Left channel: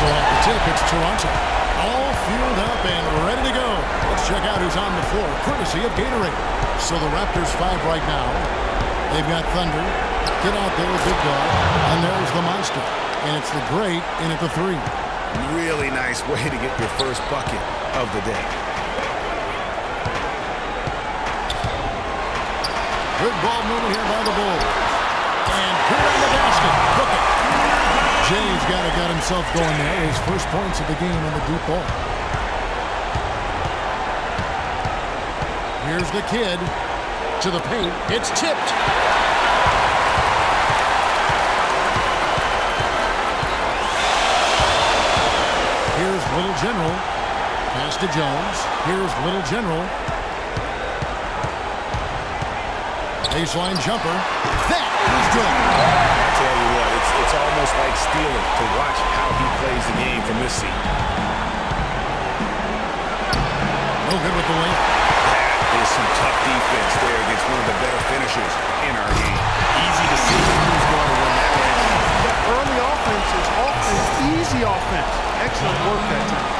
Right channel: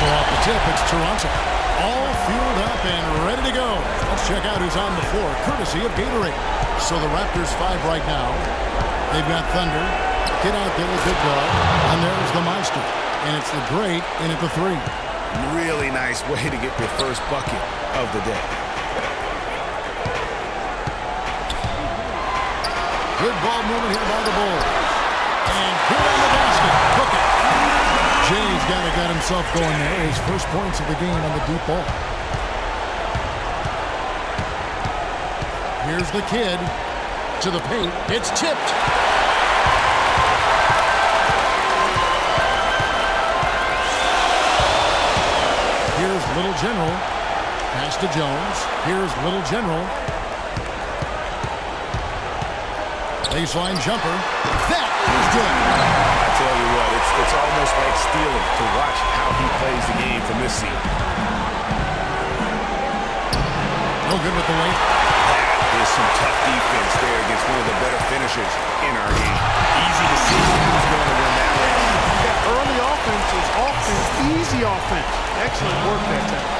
So off the tip, it's Toronto. All fueled up and ready to go. Let's check out who's on the floor, courtesy of Gatorade. So the Raptors 5 right now. They've got Thunder. Get out there, big dog. And there's the monster. And it's the Great in at the 3. Really nice way to get your first bucket of the day. Good ball movement here by the Bulls. And good on the basket. Book it. Jay's got himself going there. His first points of the game on the deep ball. Here's the kid to the paint. It's tipped. Here's Little General. Pass to Jones. Here's Little General. Baseline jumper. That is good. I tell you what, it's almost like stealing to watch how he plays the game from this seat. No good with the lane. That is some tough defense there against one of the better finishers in our game. Easy to see who's going to win that race. Yeah, early offense is often easy offense. Excellent work that time.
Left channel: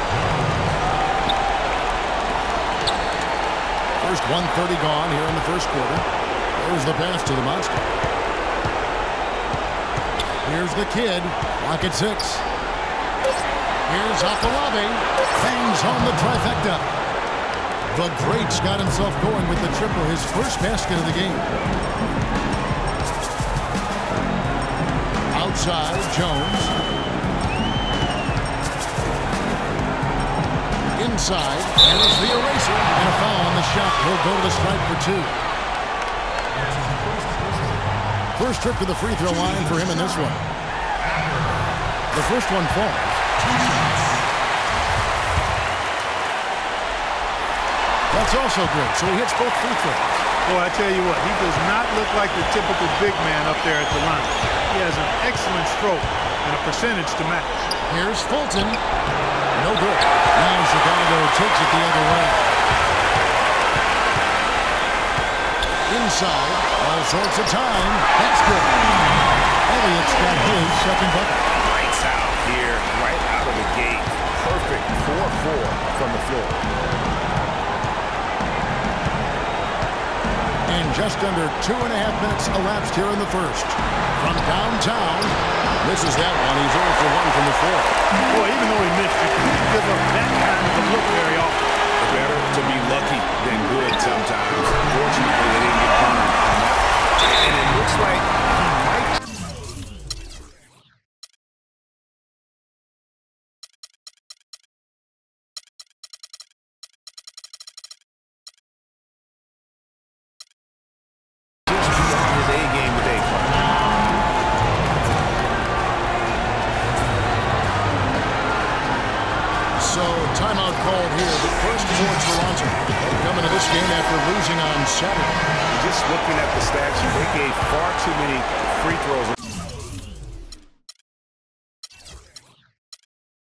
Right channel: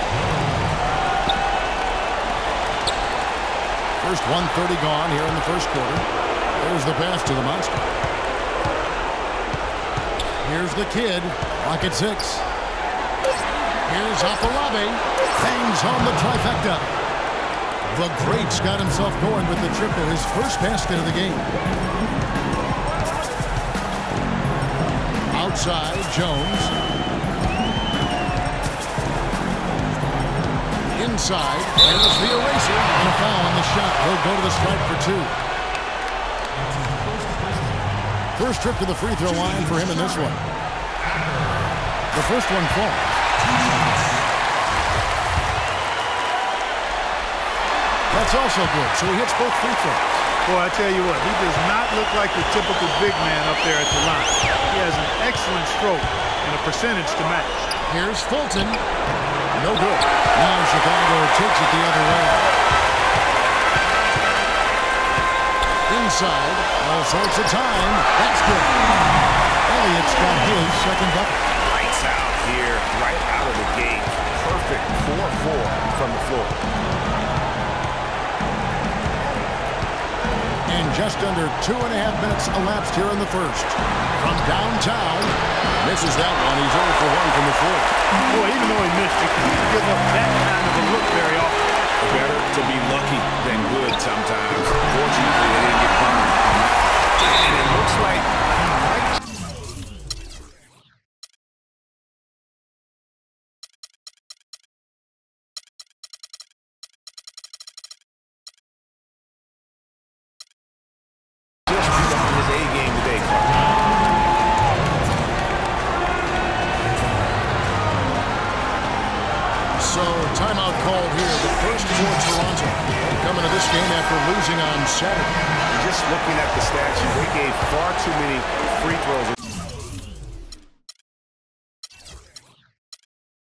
First 1:30 gone here in the first quarter. There's the pass to the monster. Here's the kid. Lock at 6. Here's Afolabi. Bangs home the trifecta. The Great's got himself going with the triple, his first basket of the game. Outside, Jones. Inside, there's the eraser. And a foul on the shot. He'll go to the stripe for 2. First trip to the free throw line for him in this one. The first one falls. That's also good, so he hits both free throws. Boy, I tell you what, he does not look like the typical big man up there at the line. He has an excellent stroke and a percentage to match. Here's Fulton. No good. Now Chicago takes it the other way. Inside, all sorts of time. That's good. Elliott's got his second bucket. Lights out here, right out of the gate. Perfect 4-4 from the floor. And just under 2.5 minutes elapsed here in the first. From downtown, misses that one. He's 0 for 1 from the floor. Boy, even though he missed, you can't give up that kind of a look very often. Better to be lucky than good sometimes. Fortunately, they didn't get burned on that. And it looks like he might. Just be on his A game today, Clark. So, timeout called here, the first for Toronto. They're coming to this game after losing on Saturday. Just looking at the stat sheet, they gave far too many free throws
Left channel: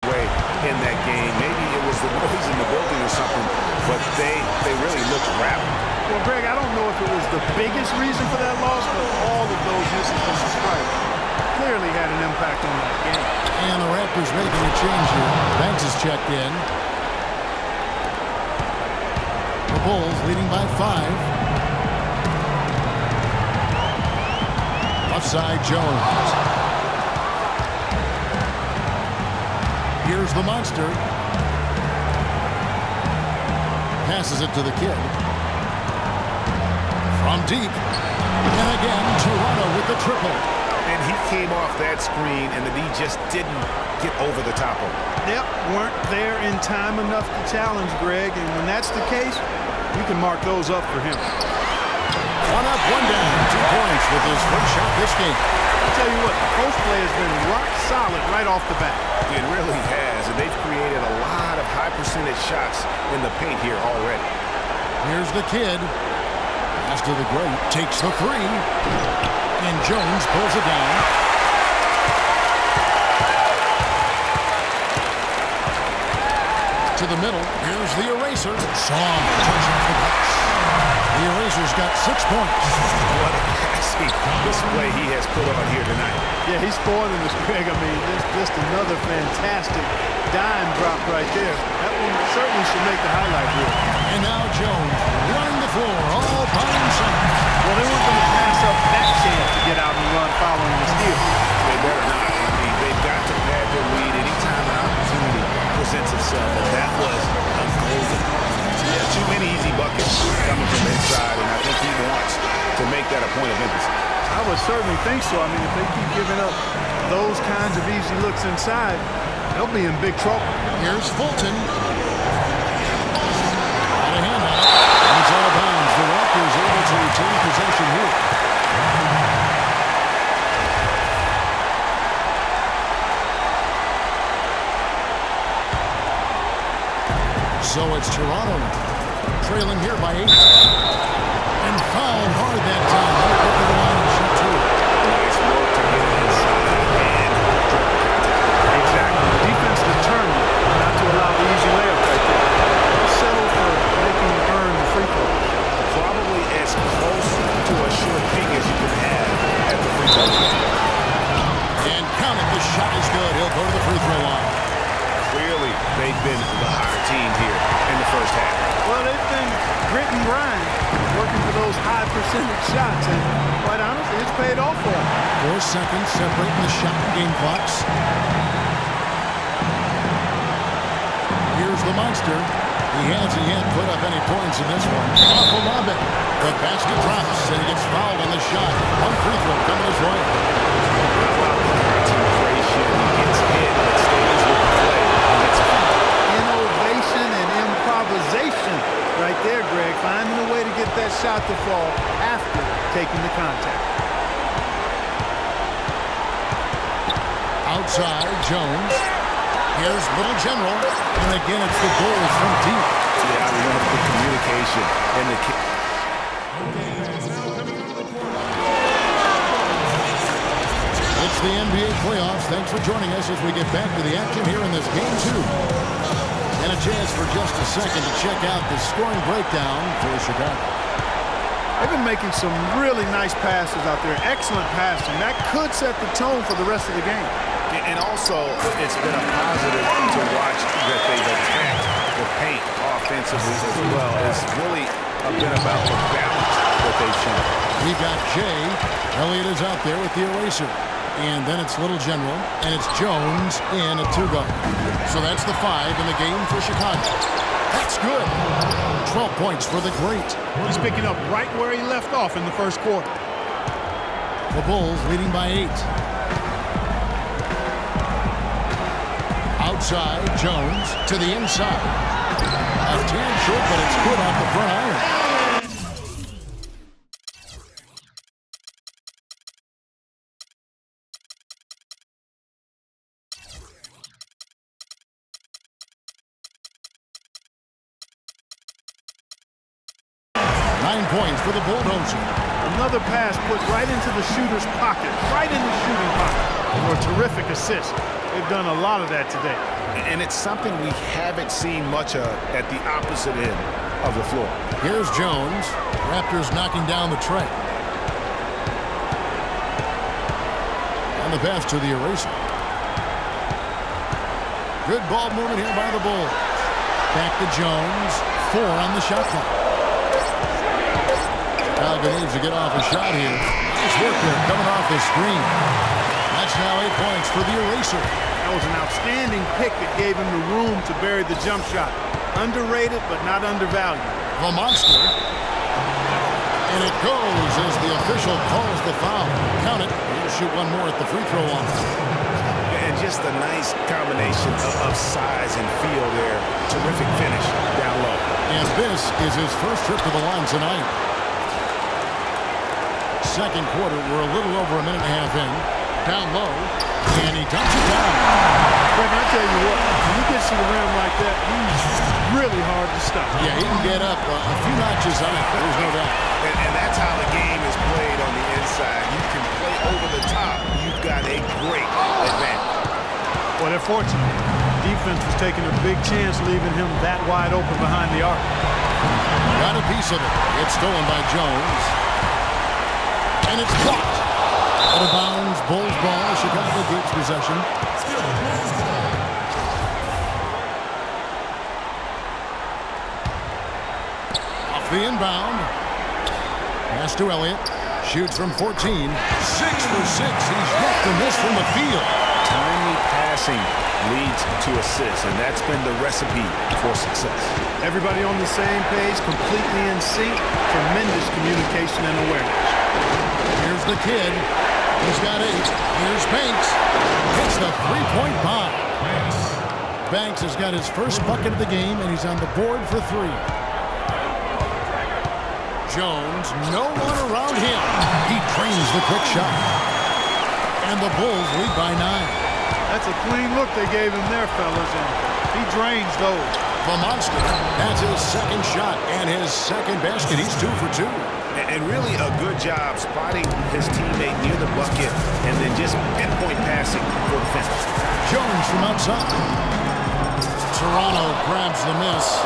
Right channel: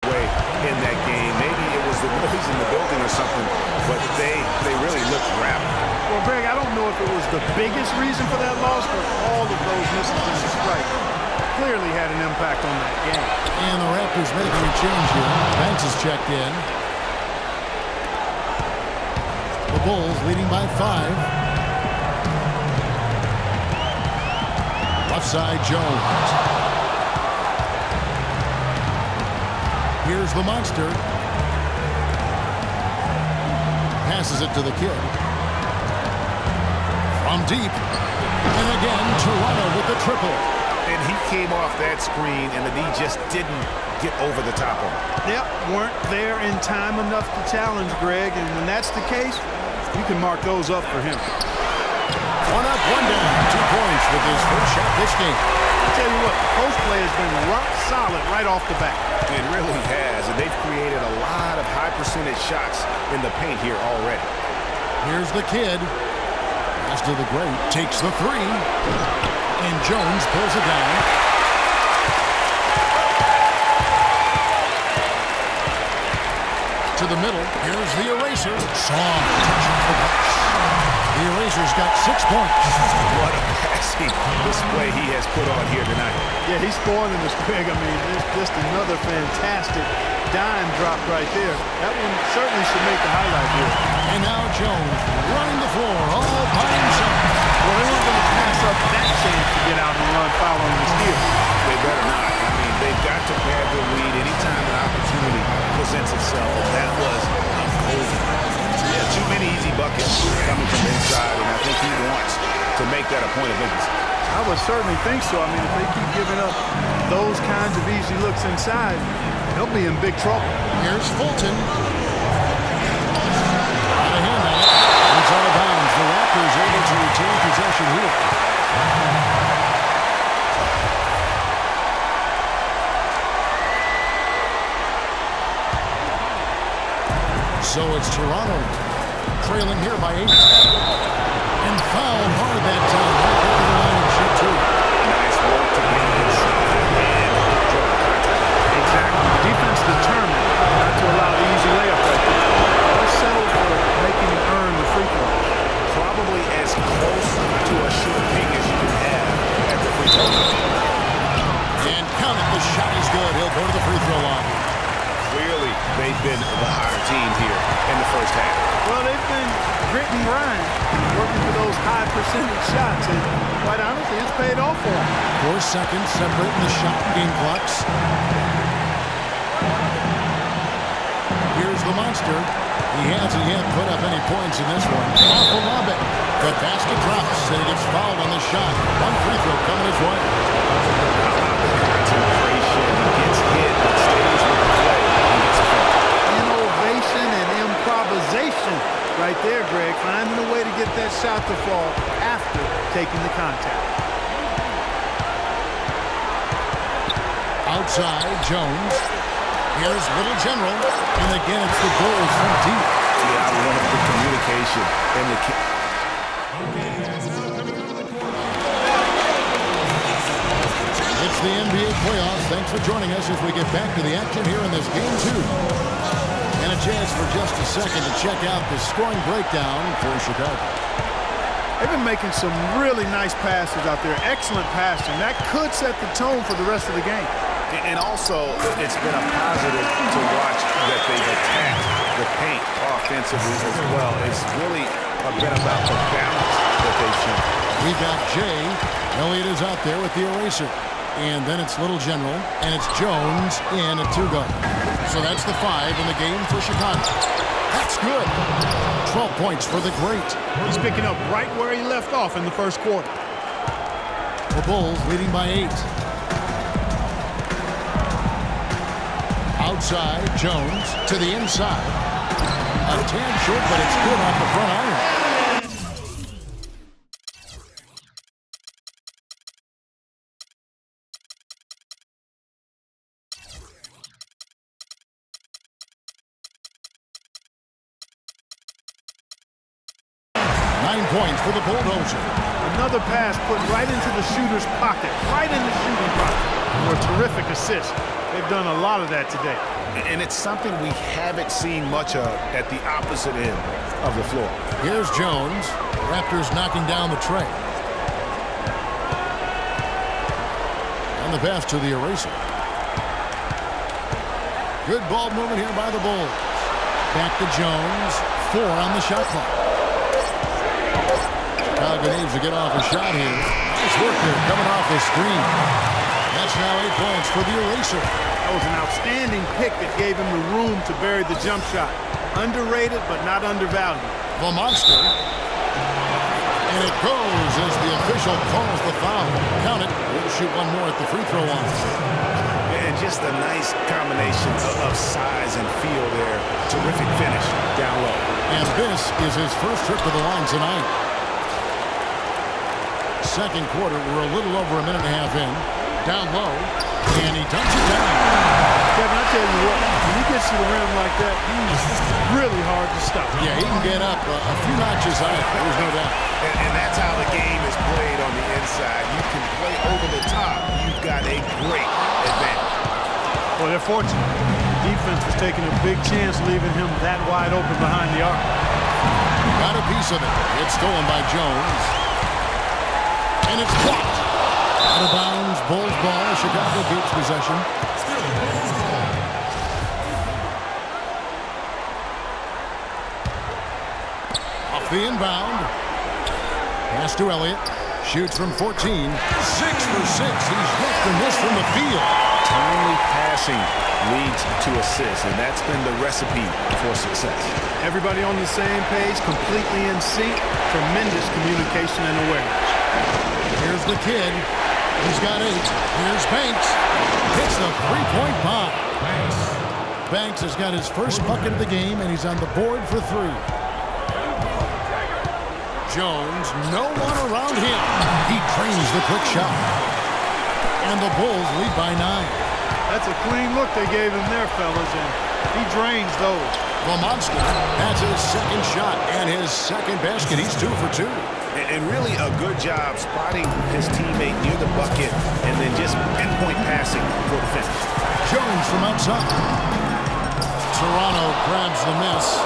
away in that game. Maybe it was the noise in the building or something, but they really looked rattled. Well, Greg, I don't know if it was the biggest reason for that loss, but all of those misses from the strike clearly had an impact on that game. And the Raptors making a change here. Banks is checked in. The Bulls leading by 5. Left side, Jones. Here's the monster. Passes it to the kid. From deep. And again, Toronto with the triple. And he came off that screen, and the D just didn't get over the top of him. Yep, weren't there in time enough to challenge Greg, and when that's the case, you can mark those up for him. 1 up, 1 down. 2 points with his first shot this game. I tell you what, the post play has been rock solid right off the bat. It really has, and they've created a lot of high percentage shots in the paint here already. Here's the kid. Pass to the Great. Takes the 3. And Jones pulls it down. To the middle. Here's the eraser. Soft touch off the glass. The Erasers got 6 points. What a passing display he has put on here tonight. Yeah, he's spoiling us, Greg. I mean, there's just another fantastic dime drop right there. That one certainly should make the highlight reel. And now Jones running the floor all by himself. Well, they weren't going to pass up that chance to get out and run following the steal. They better not. I mean, they've got to pad their lead anytime an opportunity presents itself, and that was a golden. Yeah, too many easy buckets coming from inside, and I think he wants to make that a point of emphasis. I would certainly think so. I mean, if they keep giving up those kinds of easy looks inside, they'll be in big trouble. Here's Fulton. Got a hand on it. And it's out of bounds. The Raptors able to retain possession here. So it's Toronto now, trailing here by 8. And fouled hard that time. They'll get to the line and shoot 2. Nice work to get it inside and draw the contact. Exactly. The defense determined not to allow the easy layup right there. They'll settle for making him earn the free throw. Probably as close to a sure thing as you can have at the free throw line. And count it. The shot is good. He'll go to the free throw line. Clearly, they've been the hotter team here in the first half. Well, they've been grit and grind, working for those high percentage shots, and quite honestly, it's paid off for them. 4 seconds separating the shot and game clocks. Here's the monster. He hasn't yet put up any points in this one. Afolabe. The basket drops, and he gets fouled on the shot. 1 free throw coming his way. How about the concentration? He gets hit, but stays with the play and gets a finish. Innovation and improvisation right there, Greg. Finding a way to get that shot to fall after taking the contact. Outside, Jones. Here's Little General. And again, it's the Bulls from deep. Yeah, I love the communication and the kick. It's the NBA playoffs. Thanks for joining us as we get back to the action here in this game 2. And a chance for just a second to check out the scoring breakdown for Chicago. They've been making some really nice passes out there. Excellent passing. That could set the tone for the rest of the game. And also, it's been a positive to watch that they've attacked the paint offensively as well. It's really been about the balance that they've shown. We've got Jay. Elliott is out there with the eraser. And then it's Little General, and it's Jones in a 2-guard. So that's the 5 in the game for Chicago. That's good. 12 points for the great. He's picking up right where he left off in the first quarter. The Bulls leading by 8. Outside, Jones to the inside. A tad short, but it's good off the front iron. 9 points for the Bulldozer. Another pass put right into the shooter's pocket, right in the shooting pocket, for a terrific assist. They've done a lot of that today. And it's something we haven't seen much of at the opposite end of the floor. Here's Jones. Raptors knocking down the tray. And the pass to the eraser. Good ball movement here by the Bulls. Back to Jones. 4 on the shot clock. Chicago needs to get off a shot here. Nice work there coming off the screen. That's now 8 points for the eraser. That was an outstanding pick that gave him the room to bury the jump shot. Underrated, but not undervalued. The monster. And it goes as the official calls the foul. Count it. He'll shoot one more at the free throw line. And just a nice combination of size and feel there. Terrific finish down low. And this is his first trip to the line tonight. Second quarter, we're a little over a minute and a half in. Down low, and he dumps it down. Kevin, I tell you what, when he gets to the rim like that, he's really hard to stop. Yeah, he can get up a few notches high, there's no doubt. And that's how the game is played on the inside. You can play over the top. You've got a great advantage. Well, they're fortunate. Defense was taking a big chance leaving him that wide open behind the arc. Got a piece of it. It's stolen by Jones. And it's blocked. Out of bounds, Bulls ball. Chicago keeps possession. Still Bulls ball. Off the inbound. Pass to Elliott. Shoots from 14. 6 for 6. He's yet to miss from the field. Timely passing leads to assists, and that's been the recipe for success. Everybody on the same page, completely in sync. Tremendous communication and awareness. Here's the kid. He's got 8. Here's Banks. Hits the three-point bomb. Banks has got his first bucket of the game, and he's on the board for 3. Jones, no one around him. He drains the quick shot. And the Bulls lead by 9. That's a clean look they gave him there, fellas, and he drains those. The monster, that's his second shot and his second basket. He's 2 for 2. And really a good job spotting his teammate near the bucket and then just pinpoint passing for the finish. Jones from outside. Toronto grabs the miss.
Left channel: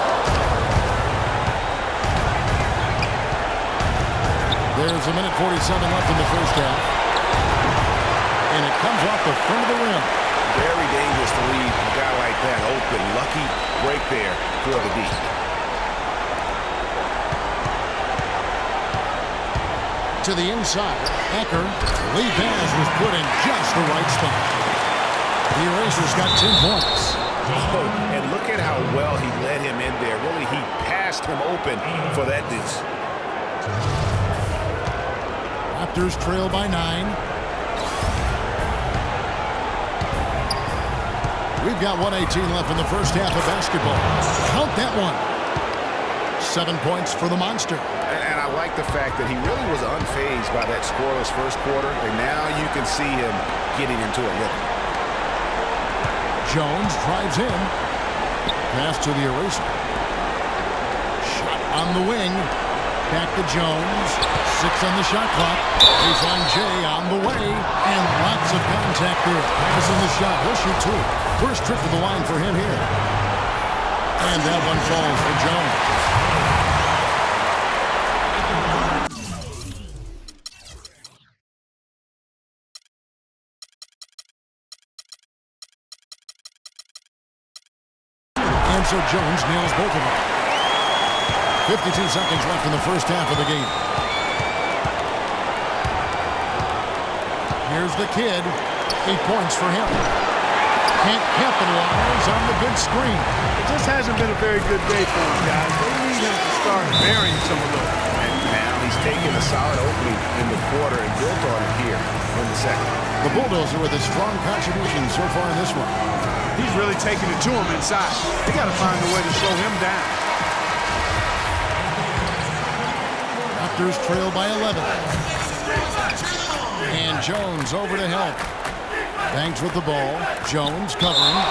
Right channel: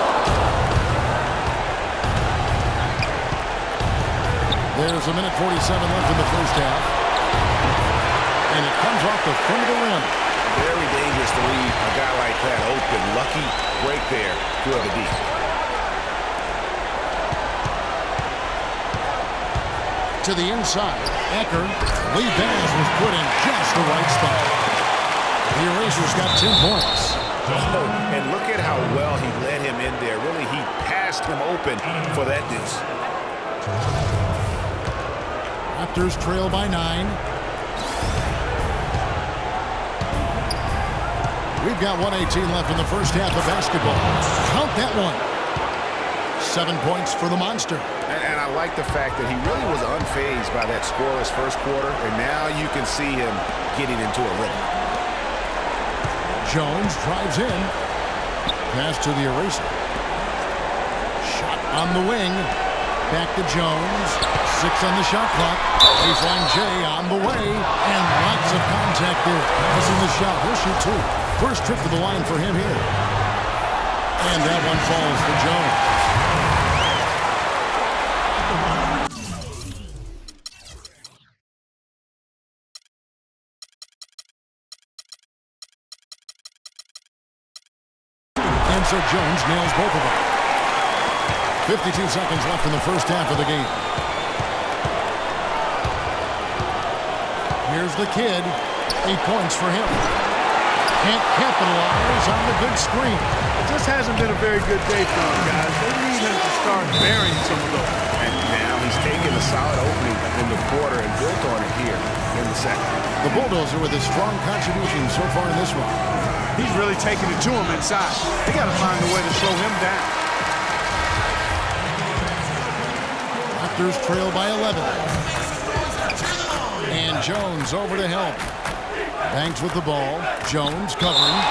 There's 1:47 left in the first half. And it comes off the front of the rim. Very dangerous to leave a guy like that open. Lucky break there for the D. To the inside, Ecker. Lee Bass was put in just the right spot. The Erasers got 10 points. Oh, and look at how well he led him in there. Really, he passed him open for that deuce. Raptors trail by 9. We've got 1:18 left in the first half of basketball. Count that one. 7 points for the monster. And I like the fact that he really was unfazed by that scoreless first quarter, and now you can see him getting into a rhythm. Jones drives in. Pass to the Eraser. Shot on the wing. Back to Jones. 6 on the shot clock. Baseline J on the way. And lots of contact there. Missing the shot. He'll shoot 2. First trip to the line for him here. And that one falls for Jones. And so Jones nails both of them. 52 seconds left in the first half of the game. Here's the kid. 8 points for him. Can't capitalize on the good screen. It just hasn't been a very good day for him, guys. They need him to start burying some of those. And now he's taken a solid opening in the quarter and built on it here in the second. The Bulldozer with a strong contribution so far in this one. He's really taking it to him inside. They got to find a way to slow him down. Raptors trail by 11. And Jones over to help. Banks with the ball. Jones covering.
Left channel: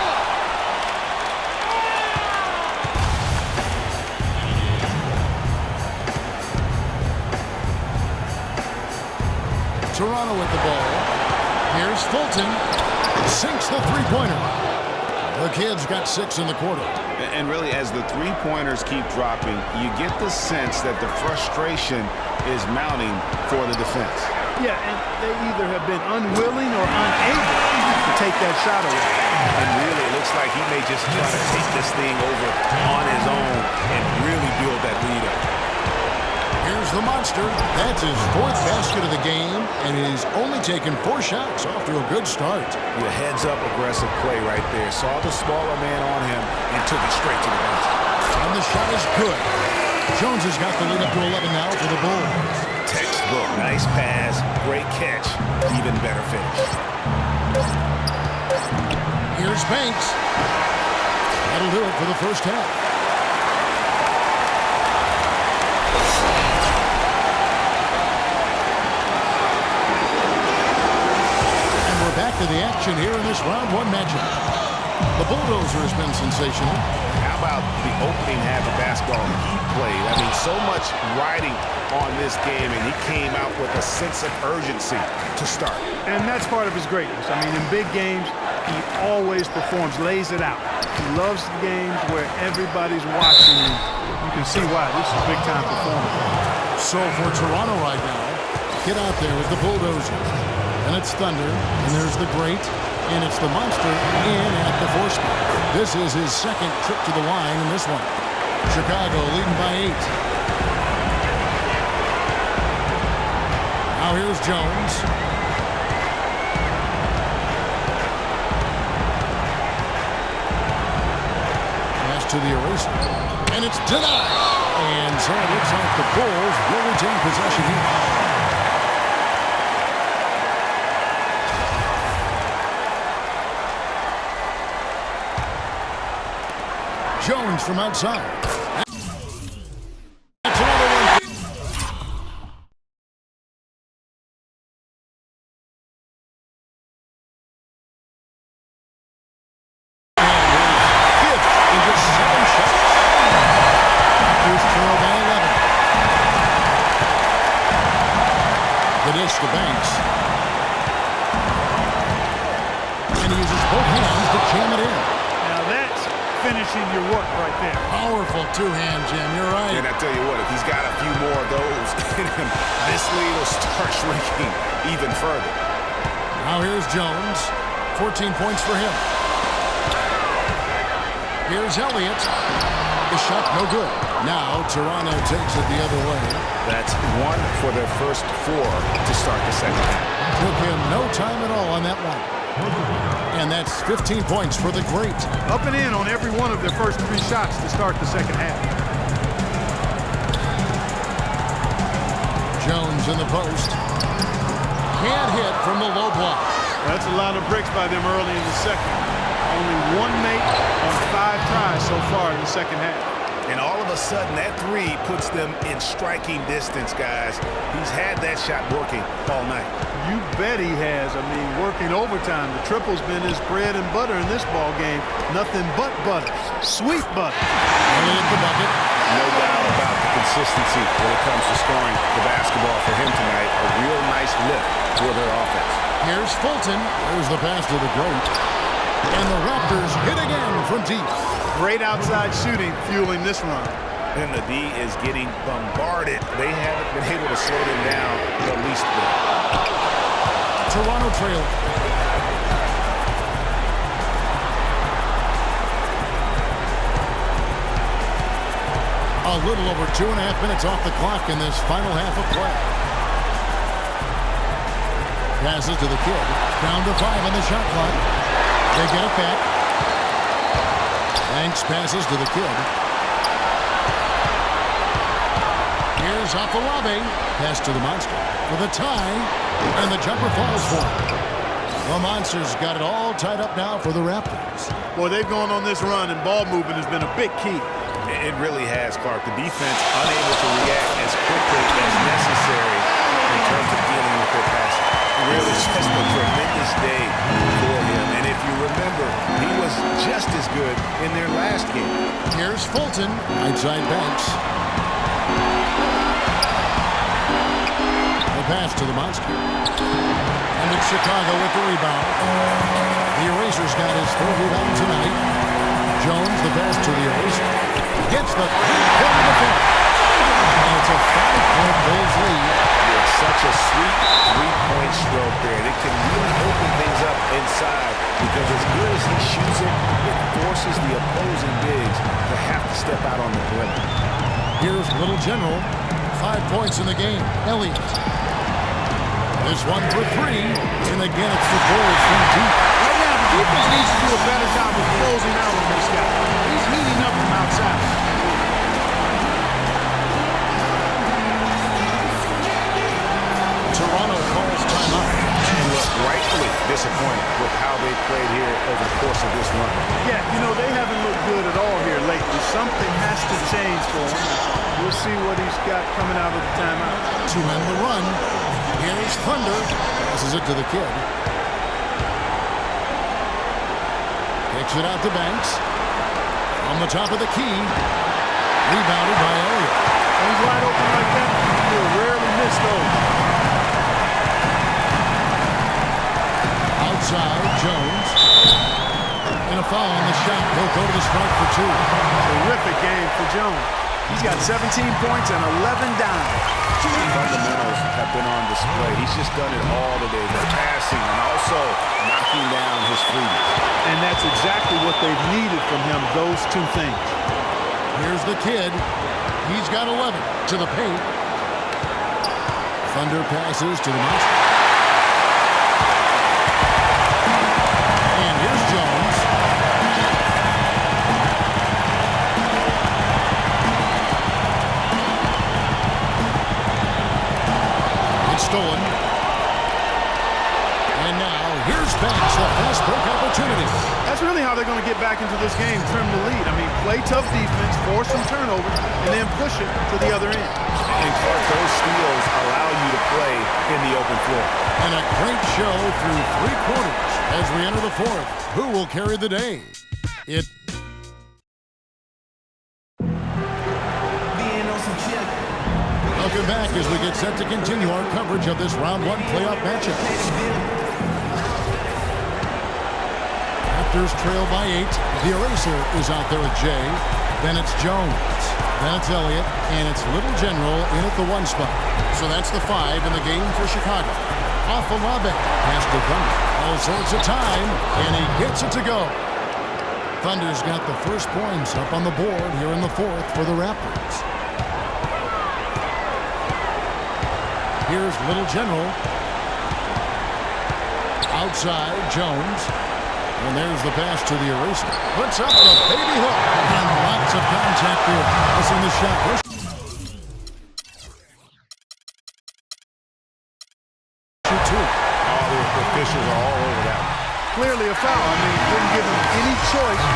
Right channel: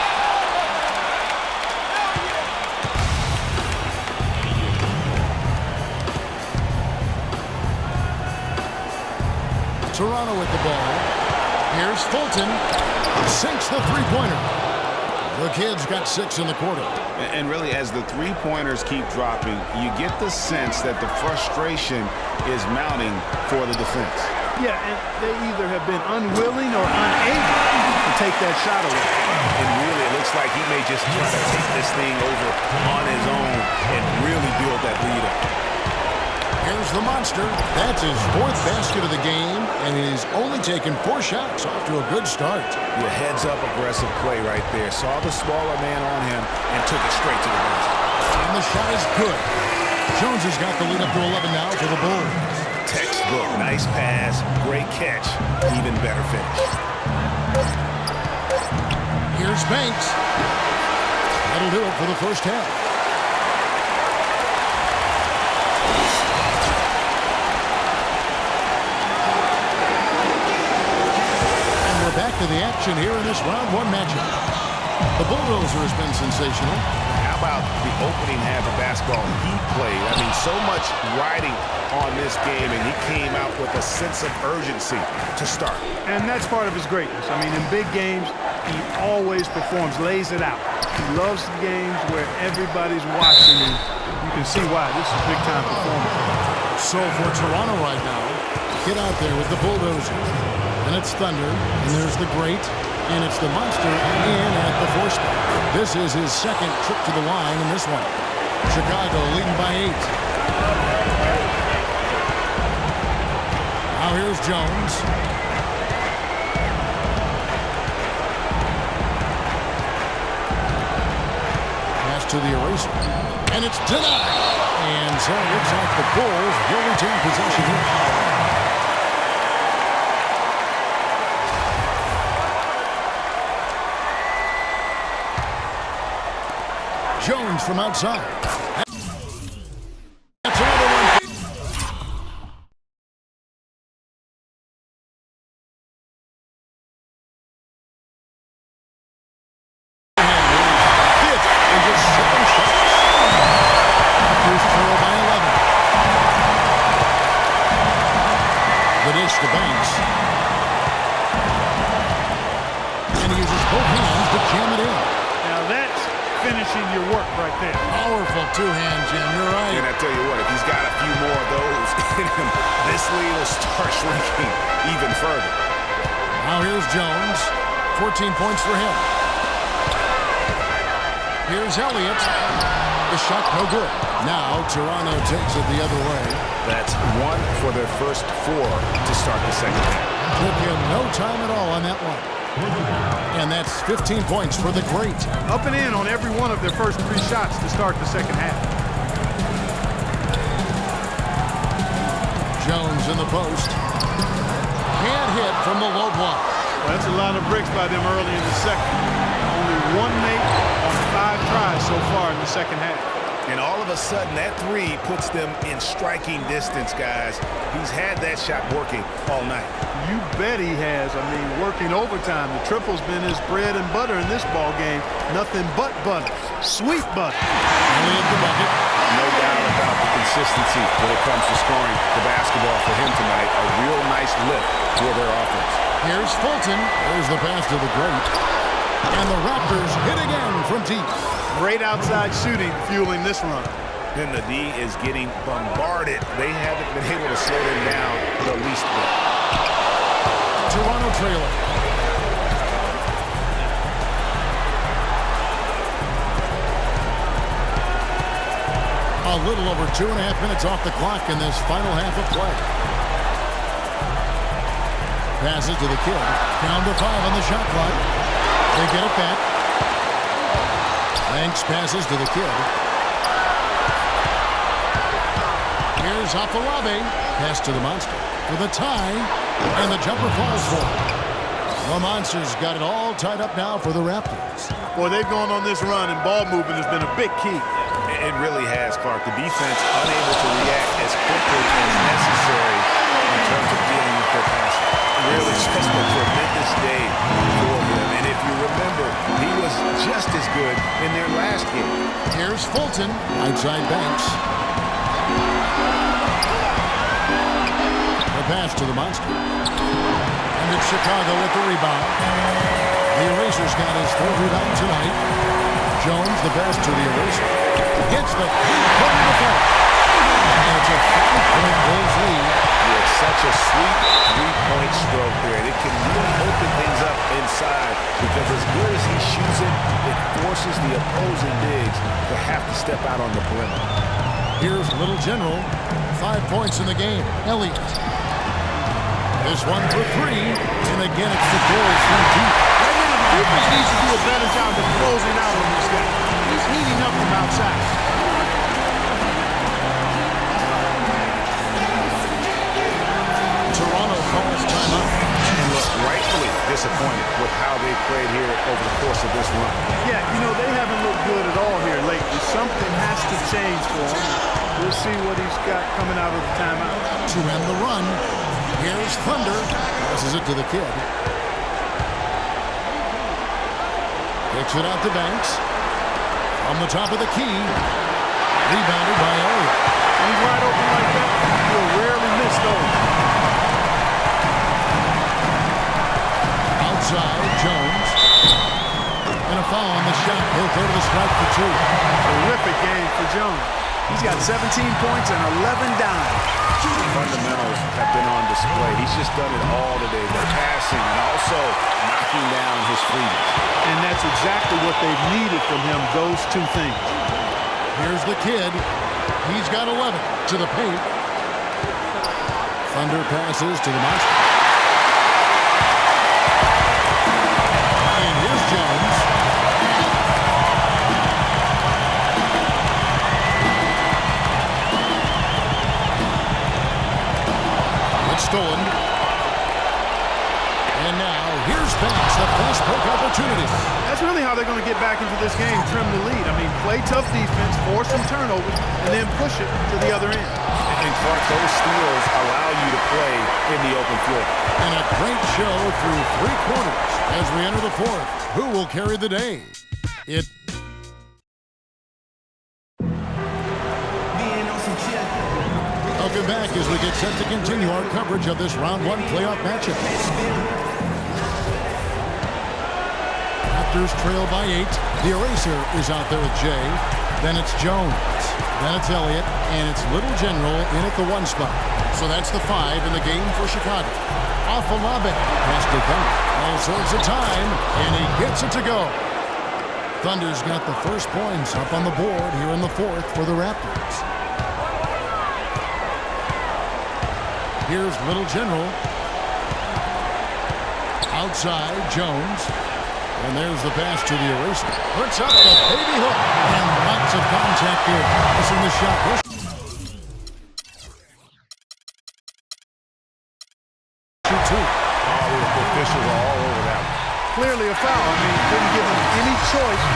Toronto with the ball. Here's Fulton. Sinks the three-pointer. The kid's got 6 in the quarter. And really, as the three-pointers keep dropping, you get the sense that the frustration is mounting for the defense. Yeah, and they either have been unwilling or unable to take that shot away. And really, it looks like he may just try to take this thing over on his own and really build that lead up. Here's the monster. That's his 4th basket of the game, and he's only taken 4 shots. Off to a good start. The heads-up aggressive play right there. Saw the smaller man on him and took it straight to the basket. And the shot is good. Jones has got the lead up to 11 now for the Bulls. Textbook, nice pass, great catch, even better finish. Here's Banks. That'll do it for the first half. And we're back to the action here in this round 1 matchup. The Bulldozer has been sensational. How about the opening half of basketball he played? I mean, so much riding on this game, and he came out with a sense of urgency to start. And that's part of his greatness. I mean, in big games, he always performs, lays it out. He loves the games where everybody's watching, and you can see why. This is a big-time performance. So for Toronto right now, get out there with the bulldozer. And it's Thunder, and there's the Great, and it's the Monster in at the 4 spot. This is his second trip to the line in this one. Chicago leading by 8. Now here's Jones. Pass to the eraser. And it's denied. And so it looks like the Bulls will retain possession here. Jones from outside. That's another one. And his 5th in just 7 shots. Raptors trail by 11. The dish to Banks. And he uses both hands to jam it in. Now that's finishing your work right there. Powerful two-hand jam, you're right. And I tell you what, if he's got a few more of those in him, this lead will start shrinking even further. Now here's Jones. 14 points for him. Here's Elliott. The shot no good. Now Toronto takes it the other way. That's 1 for their first 4 to start the second half. Took him no time at all on that one. And that's 15 points for the Great. Up and in on every one of their first 3 shots to start the second half. Jones in the post. Can't hit from the low block. Well, that's a lot of bricks by them early in the second. Only 1 make on 5 tries so far in the second half. And all of a sudden, that 3 puts them in striking distance, guys. He's had that shot working all night. You bet he has. I mean, working overtime. The triple's been his bread and butter in this ball game. Nothing but butter. Sweet butter. Elliott the bucket. No doubt about the consistency when it comes to scoring the basketball for him tonight. A real nice lift for their offense. Here's Fulton. There's the pass to the Great. And the Raptors hit again from deep. Great outside shooting fueling this run. And the D is getting bombarded. They haven't been able to slow them down the least bit. Toronto trailing. A little over 2.5 minutes off the clock in this final half of play. Passes to the kid. Down to 5 on the shot clock. They get it back. Banks passes to the kid. Here's Afalabi. Pass to the Monster for the tie. And the jumper falls for him. The Monsters got it all tied up now for the Raptors. Boy, they've gone on this run, and ball movement has been a big key. It really has, Clark. The defense unable to react as quickly as necessary in terms of dealing with their passing. Really just a tremendous day for him. And if you remember, he was just as good in their last game. Here's Fulton. Right side Banks. The pass to the Monster. And it's Chicago with the rebound. The Eraser's got his 3rd rebound tonight. Jones, the pass to the Eraser. Gets the 3-point default. And it's a 5-point Bulls lead. Yeah, such a sweet 3-point stroke there. And it can really open things up inside because as good as he shoots it, it forces the opposing bigs to have to step out on the perimeter. Here's Little General. 5 points in the game. Elliott. This one for 3. And again, it's the Bulls from deep. Right now, the defense needs to do a better job of closing out on this guy. He's heating up from outside. Toronto calls timeout. And look, rightfully disappointed with how they played here over the course of this run. Yeah, you know, they haven't looked good at all here lately. Something has to change for him. We'll see what he's got coming out of the timeout. To end the run, here's Thunder. Passes it to the kid. Kicks it out to Banks. From the top of the key. Rebounded by Elliott. When he's wide open like that, he'll rarely miss those. Outside, Jones. And a foul on the shot. He'll go to the strike for 2. Terrific game for Jones. He's got 17 points and 11 dimes. The fundamentals have been on display. He's just done it all today. The passing and also knocking down his freebies. And that's exactly what they've needed from him, those two things. Here's the kid. He's got 11 to the paint. Thunder passes to the monster. And here's Jones. It's stolen. And now here's Banks, the fast break opportunity. That's really how they're going to get back into this game, trim the lead. I mean, play tough defense, force some turnovers, and then push it to the other end. And Clark, those steals allow you to play in the open floor. And a great show through 3 quarters as we enter the 4th. Who will carry the day? Welcome back as we get set to continue our coverage of this round 1 playoff matchup. Raptors trail by 8. The eraser is out there with Jay. Then it's Jones. Then it's Elliott. And it's Little General in at the 1 spot. So that's the 5 in the game for Chicago. Afalabe has to Thunder. All sorts of time. And he gets it to go. Thunder's got the first points up on the board here in the 4th for the Raptors. Here's Little General. Outside, Jones. And there's the pass to the eraser. Puts up the baby hook. And lots of contact there. Missing the shot. Shoot 2. Oh, the officials are all over that one. Clearly a foul. I mean, didn't give him any choice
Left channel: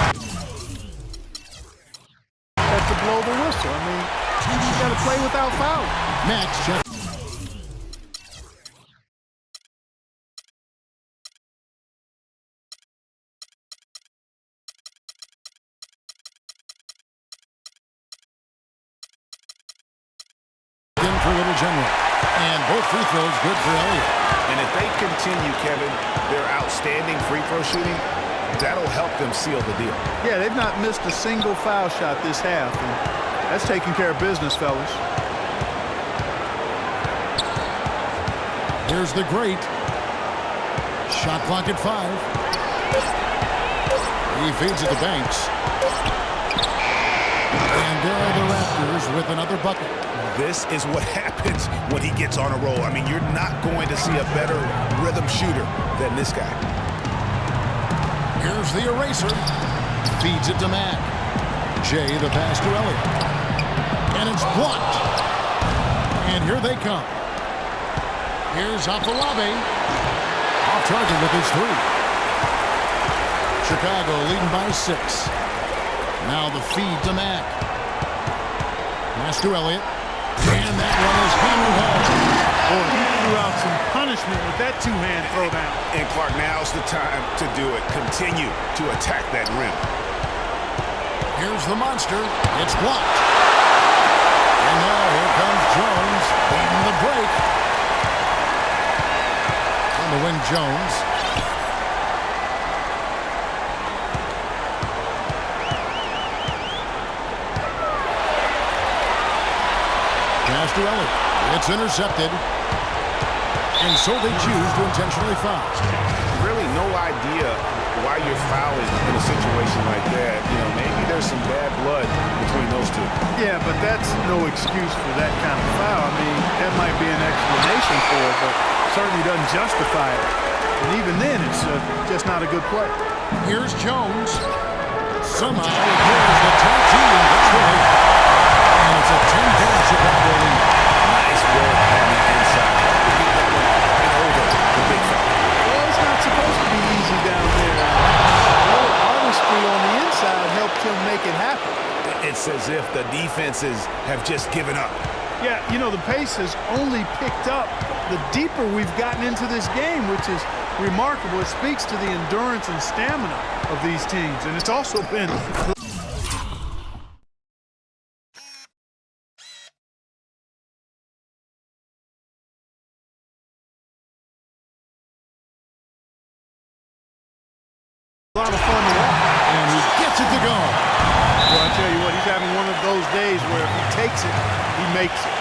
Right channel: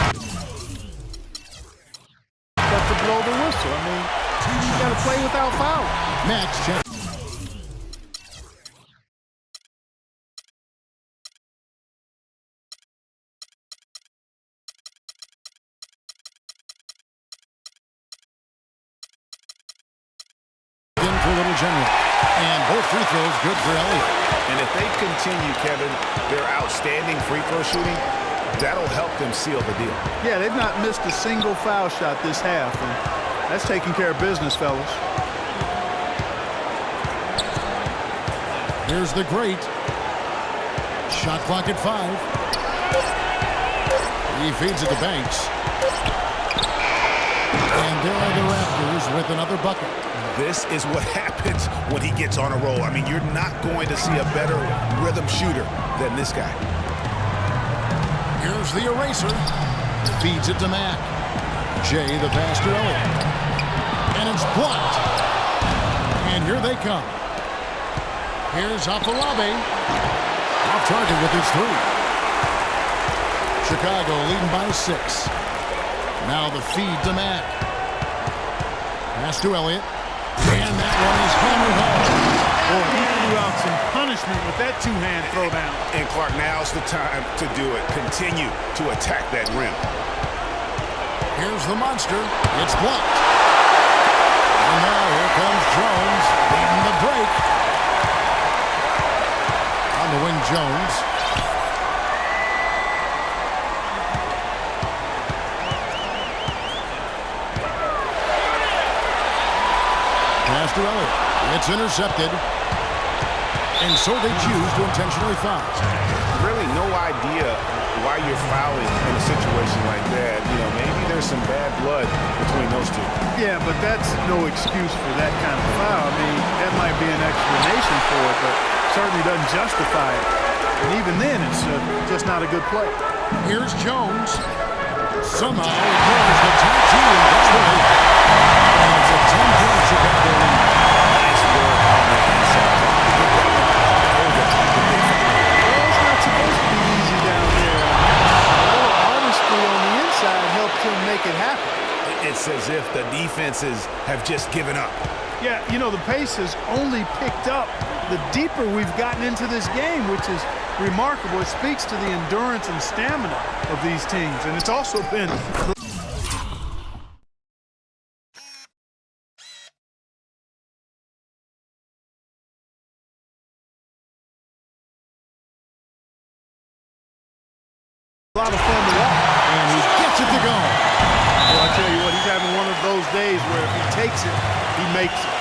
but to blow the whistle. I mean, you got to play without foul. Max check. For Little General. And both free throws good for Elliott. And if they continue, Kevin, their outstanding free throw shooting, that'll help them seal the deal. Yeah, they've not missed a single foul shot this half, and that's taking care of business, fellas. Here's the great. Shot clock at 5. He feeds it to Banks. And there are the Raptors with another bucket. This is what happens when he gets on a roll. I mean, you're not going to see a better rhythm shooter than this guy. Here's the eraser. Feeds it to Mack. Jay the pass to Elliott. And it's blocked. And here they come. Here's Afalabe. Off target with his 3. Chicago leading by 6. Now the feed to Mack. Pass to Elliott. And that one is hammered home. Boy, he threw out some punishment with that 2-hand throwdown. And Clark, now's the time to do it. Continue to attack that rim. Here's the monster. It's blocked. And now here comes Jones leading the break. On the wing, Jones. Pass to Elliott. It's intercepted. And so they choose to intentionally foul. Really no idea why you're fouling in a situation like that. You know, maybe there's some bad blood between those two. Yeah, but that's no excuse for that kind of foul. I mean, that might be an explanation for it, but certainly doesn't justify it. And even then, it's just not a good play. Here's Jones. Somehow ignores the tight team and gets the lead. And it's a 10-point Chicago lead. Nice work on the inside. Hard to get that one up and over the big fella. Well, it's not supposed to be easy down there. A little artistry on the inside helped him make it happen. It's as if the defenses have just given up. Yeah, you know, the pace has only picked up the deeper we've gotten into this game, which is remarkable. It speaks to the endurance and stamina of these teams. And it's also been A lot of fun to watch. And he gets it to go. Well, I tell you what, he's having one of those days where if he takes it, he makes it.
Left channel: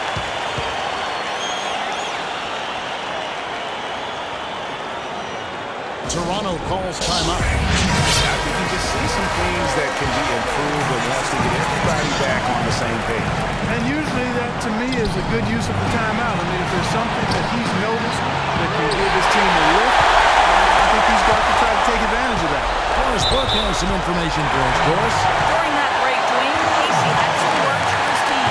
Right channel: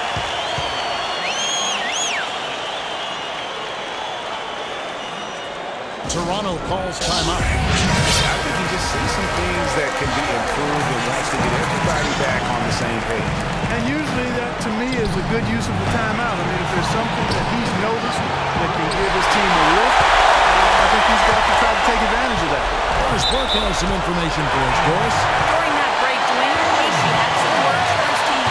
Toronto calls timeout. I think he just sees some things that can be improved and wants to get everybody back on the same page. And usually that, to me, is a good use of the timeout. I mean, if there's something that he's noticed that can give his team a lift, I think he's got to try to take advantage of that. Doris Burke has some information for us. Doris? During that break, Dwayne Casey had some words for his team.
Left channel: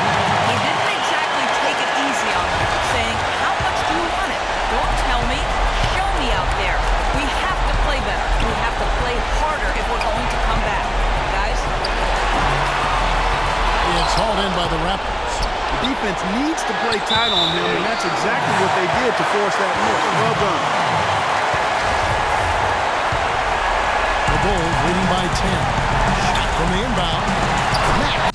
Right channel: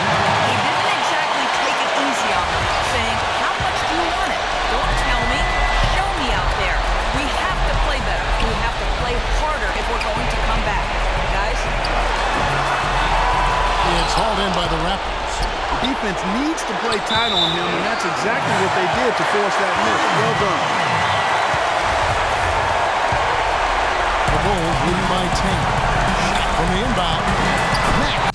He didn't exactly take it easy on them, saying, how much do you want it? Don't tell me. Show me out there. We have to play better. We have to play harder if we're going to come back. Guys? It's hauled in by the Raptors. The defense needs to play tight on him, and that's exactly what they did to force that miss. Well done. The Bulls leading by 10. Shot from the inbound. Mack.